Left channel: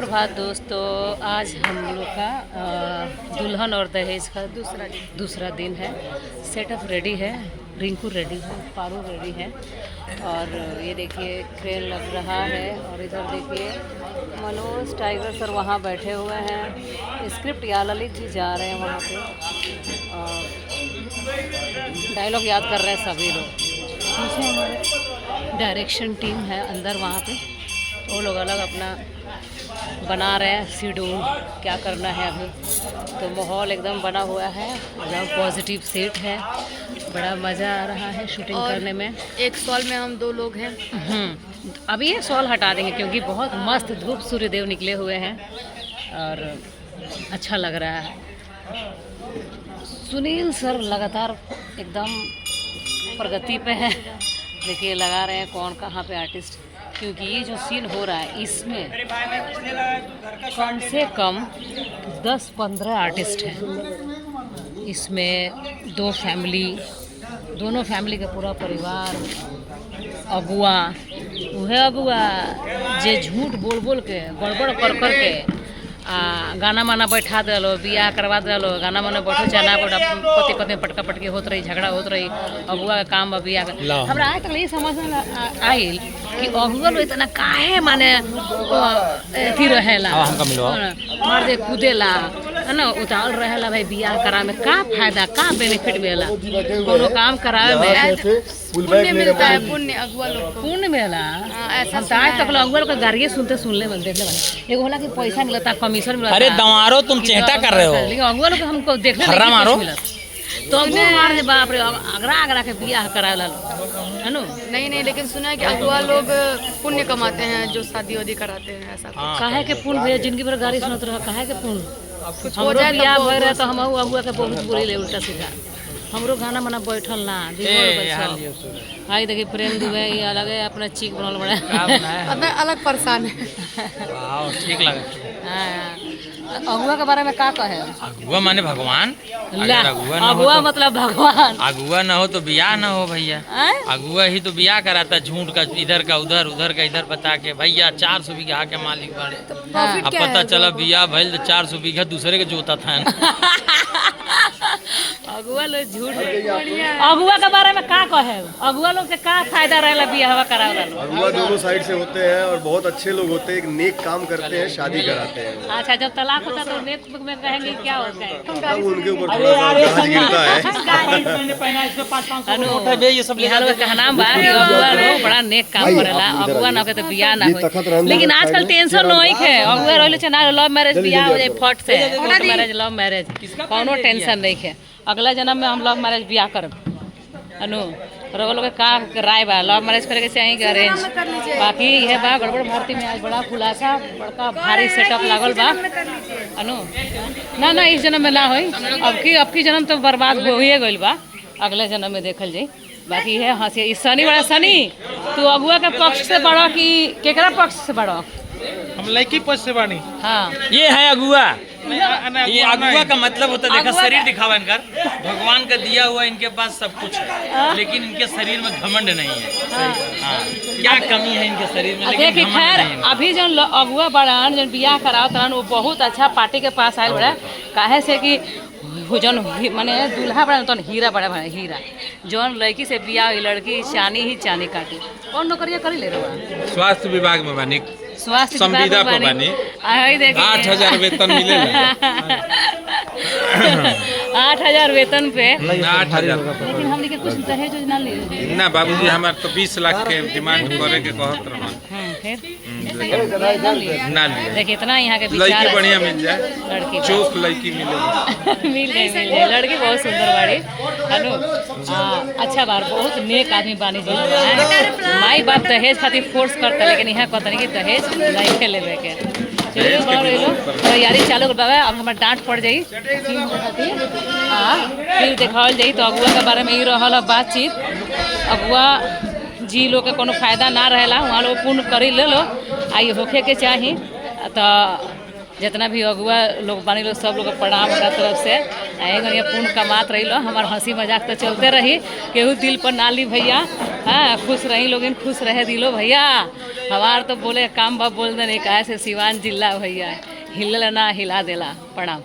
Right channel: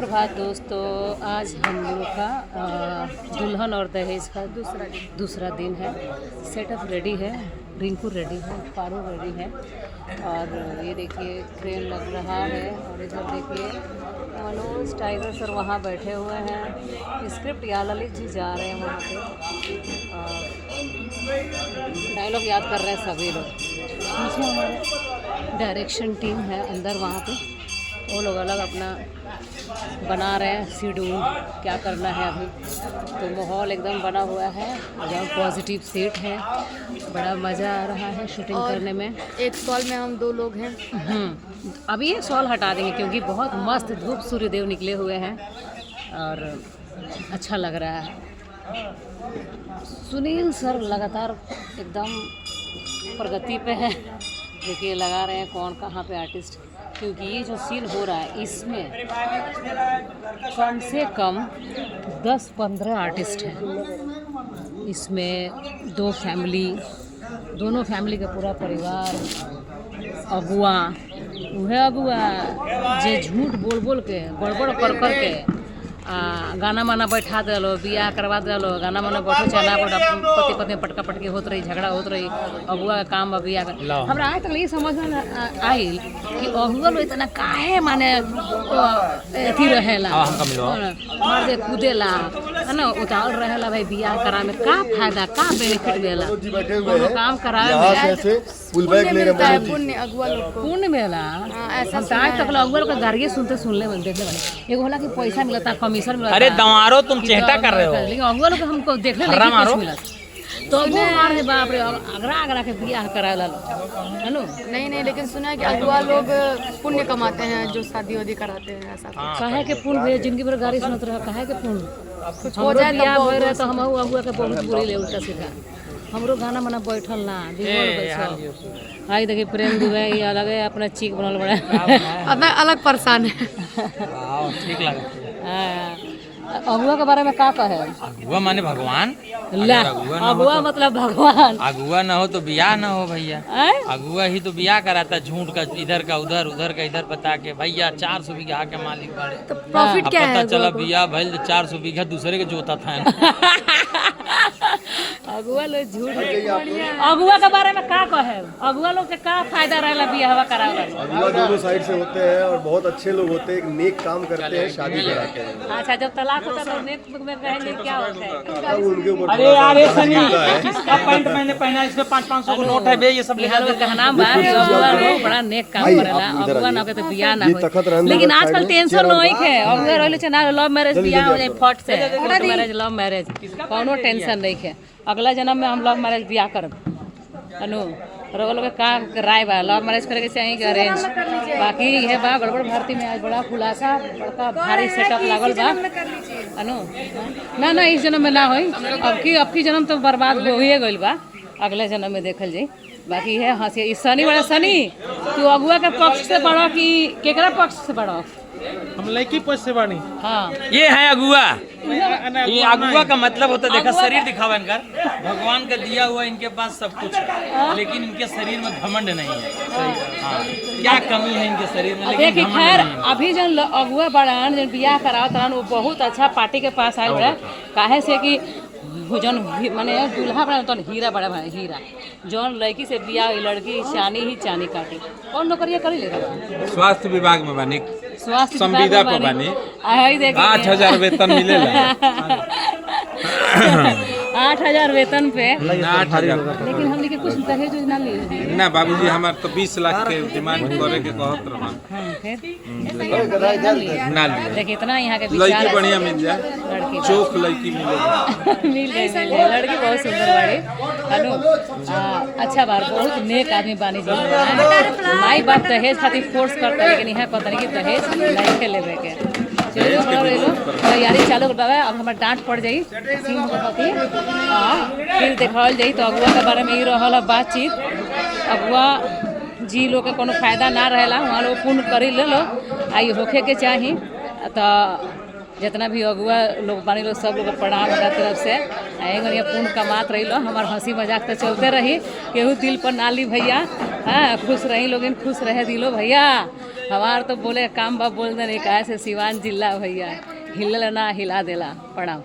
सुप्रभात दोस्तों। आज हम लोग का दुल्हन और दहेज का दूसरा दिन है। सेटअप रेडी है, रिंकू रेडी है, पारू रेडी है और ये देखिए क्रेन लग रहा है। और इधर देखिए मनोज टाइगर सर वहाँ बैठे हुए हैं। स्क्रिप्ट या ललित जी जा रहे हैं वहाँ पे, डायलॉग याद कर रहे हैं सभी लोग। पीछे हमारे डायरेक्शन टीम है अंदर वहाँ पे, वो लोग अलग अपना बना रहे हैं शेड्यूल क्या करना है अभी। तो माहौल एकदम बना हुआ है, एकदम पॉजिटिव सेट है, बड़ा मज़ा आ रहा है शूटिंग करने में। एक सॉल में हम 2 लोग हैं। अभी ये सॉल हटा देंगे क्योंकि बहुत मस्त धूप सूर्यदेव निकले हुए हैं और अच्छा लग रहा है। सुनील सर लगातार एकदम प्रगति पे है। देखिए लगा रहे हैं कौन कहाँ पे आर्टिस्ट, क्योंकि ये जो सीन हो रहा है इसमें कम से कम 10-15 आर्टिस्ट हैं। इसमें दोनों फैमिली का पूरा परिवार, अगुआ वह अगुआ जे झूठ बोल बोल के गड़बड़ कर कर के गाना माना बैठा दिलो, बियाह करवा दिलो, गाना माना बैठो चाहे ना बैठो, पति पत्नी पटका पटकी होत रही, झगड़ा होत रही। अगुआ का काम बियाह का हमरा आज तक ये समझ में आइल कि अगुआ लोग इतना काहे माने अथी रहेला, मार दे कूदेला है ना, उतावल रहेला। भाई बियाह करा में का फायदा, का बेनिफिट मिलेला? कोनो काम करावे में पुण्य मिलता है, पुण्य अगुआ लोग को पुण्य मिलेला। हम तो आज तक अगुआ लोग का गाड़िए सुनले में देखले बने। एगो होला कि पैसा मिलता, कमीशन मिलता। अरे दवारो तुम चेष्टा कर रहे हो, लेकिन अगुआ लोग हमको देखले नहीं कुछ मिलत। तो अगुआ मार है बाप रे, अगरा के बियाह करावेला लोग है नो। नहीं, लेकिन सुना है कि अगुआ लोग पुण्य कमाते हैं जो शादी वादी कराते हैं। ऐसा काहे के पुण्य भैया, जिंदगी भर गाड़ी सुनत रहा, काहे के पुण्य? हमरो बियाह भय रहे तो हम अगुआ के बहुत बुरी ले उल्टा सीधा। हमरो गाना मना बैठल ना बिगड़ गई सब। आई देखिए प्रेम दिवे ये अलग है, अपना चीक बनल बड़ा अपना अलग परेशान है। वाह ठीक लगा। अगुआ के बारे में का कहे? अगुआ माने भगवान। अगुआ मतलब भगवान। अगुआ ना हो तो बियाह ना हो भैया। अगुआ ही तो बियाह कराता, झूठ का इधर का उधर, उधर का इधर बता के भैया 400 बीघा के मालिक बड़े। अब पता चला बियाह भइल तो 400 बीघा दूसरे के जोता था। अगुआ लोग झूठ अगुआ के बारे में का कहे? अगुआ लोग के का फायदा रहेला बियाह करावे? अगुआ दोनों साइड से होते हैं और बहुत अच्छे लोग होते हैं, एक नेक काम करते हैं, शादी कराते हैं। अच्छा, जब तलाक होता तो नेक में कहेंगे क्या होता है? तब उनके ऊपर थोड़ा सा गाज गिरता है। यहाँ लोग कहना बा कि अगुआ लोग बड़ा नेक काम करेला, अगुआ ना के तो बियाह ना हो। लेकिन आजकल टेंशन नहीं है, अगुआ रहले छ ना लव मैरिज बियाह हो जाए फट से, कोर्ट मैरिज लव मैरिज कोनो टेंशन नहीं है। अगला जन्म में हम लव मैरिज बियाह करब अनु। और लोग का राय बा लव मैरिज करे के चाहिए कि अरेंज? बाकी यह बा गड़बड़ भारती में आज बड़ा खुलासा, बड़का भारी सेटअप लागल बा अनु। ना इस जन्म में ना होई, अब की जन्म तो बर्बाद हो ही गइल बा, अगले जन्म में देखल जाई। बाकी है हंसी इस शनि बड़ा शनि, तू अगुआ के पक्ष से बड़ा कि केकरा पक्ष से बड़ा? हम लड़की पक्ष से बानी। हाँ ये है अगुआ। ये अगुआ का मतलब होता है, देखा शरीर दिखावा इनकर, भगवान का दिया हुआ इनके पास सब कुछ है, लेकिन इनके शरीर में घमंड नहीं है। हाँ क्या कमी है इनके शरीर में? देखिए खैर अभी जो अगुआ बड़ान जो बियाह करावत रहन वो बहुत अच्छा पार्टी के पास आयल बड़ा। काहे से कि जौन माने दूल्हा बड़ा तो हीरा बड़ा हीरा, जौन लड़की से बियाह लड़की चानी ही चानी काटी। कौन नौकरिया करी ले रहा? स्वास्थ्य विभाग में बानी, स्वास्थ्य संविदा पर बानी। 8,000 वेतन मिलेगा। 8,000 वेतन पे। 8,000। लेकिन हमने के कुछ दहेज योजना ले ना बाबूजी हमारे तो 20 लाख के डिमांड करे के कहत रहन। ना लिए। देखिए इतना यहाँ के विचार लड़की बढ़िया मिल जाए, लड़की चोख लड़की मिलेगी। मिल जाए लड़की बहुत सुंदर बाड़ी अनु। अच्छा बार बहुत नेक आदमी बानी जी। माई बाप दहेज खातिर फोर्स करता, लेकिन यहाँ कहता नहीं कि दहेज नहीं लेवे के। चलिए बड़ा रही लो तैयारी चालू कर बाबा। अब हमारे डांट पड़ जाई सीन खातिर फिर देखावल जाई। तो अगुआ के बारे में ही रहल बातचीत। अगुआ जी लोग के कोनो फायदा ना रहेला, वहाँ लोग पुण्य करी ले लो आई होखे के चाही। तो जितना भी अगुआ लोग बानी लोग सब लोग के प्रणाम हमारा तरफ से। आएंगे पूर्ण कमात रही लो, हमार हंसी मजाक तो चलते रही, केहू दिल पर ना ली भैया। हाँ, खुश रही लोगिन, खुश रहे दिलो भैया। हमार तो बोले काम बा बोल दे नहीं, कहे से सिवान जिला भैया हिलल ना हिला देला। प्रणाम।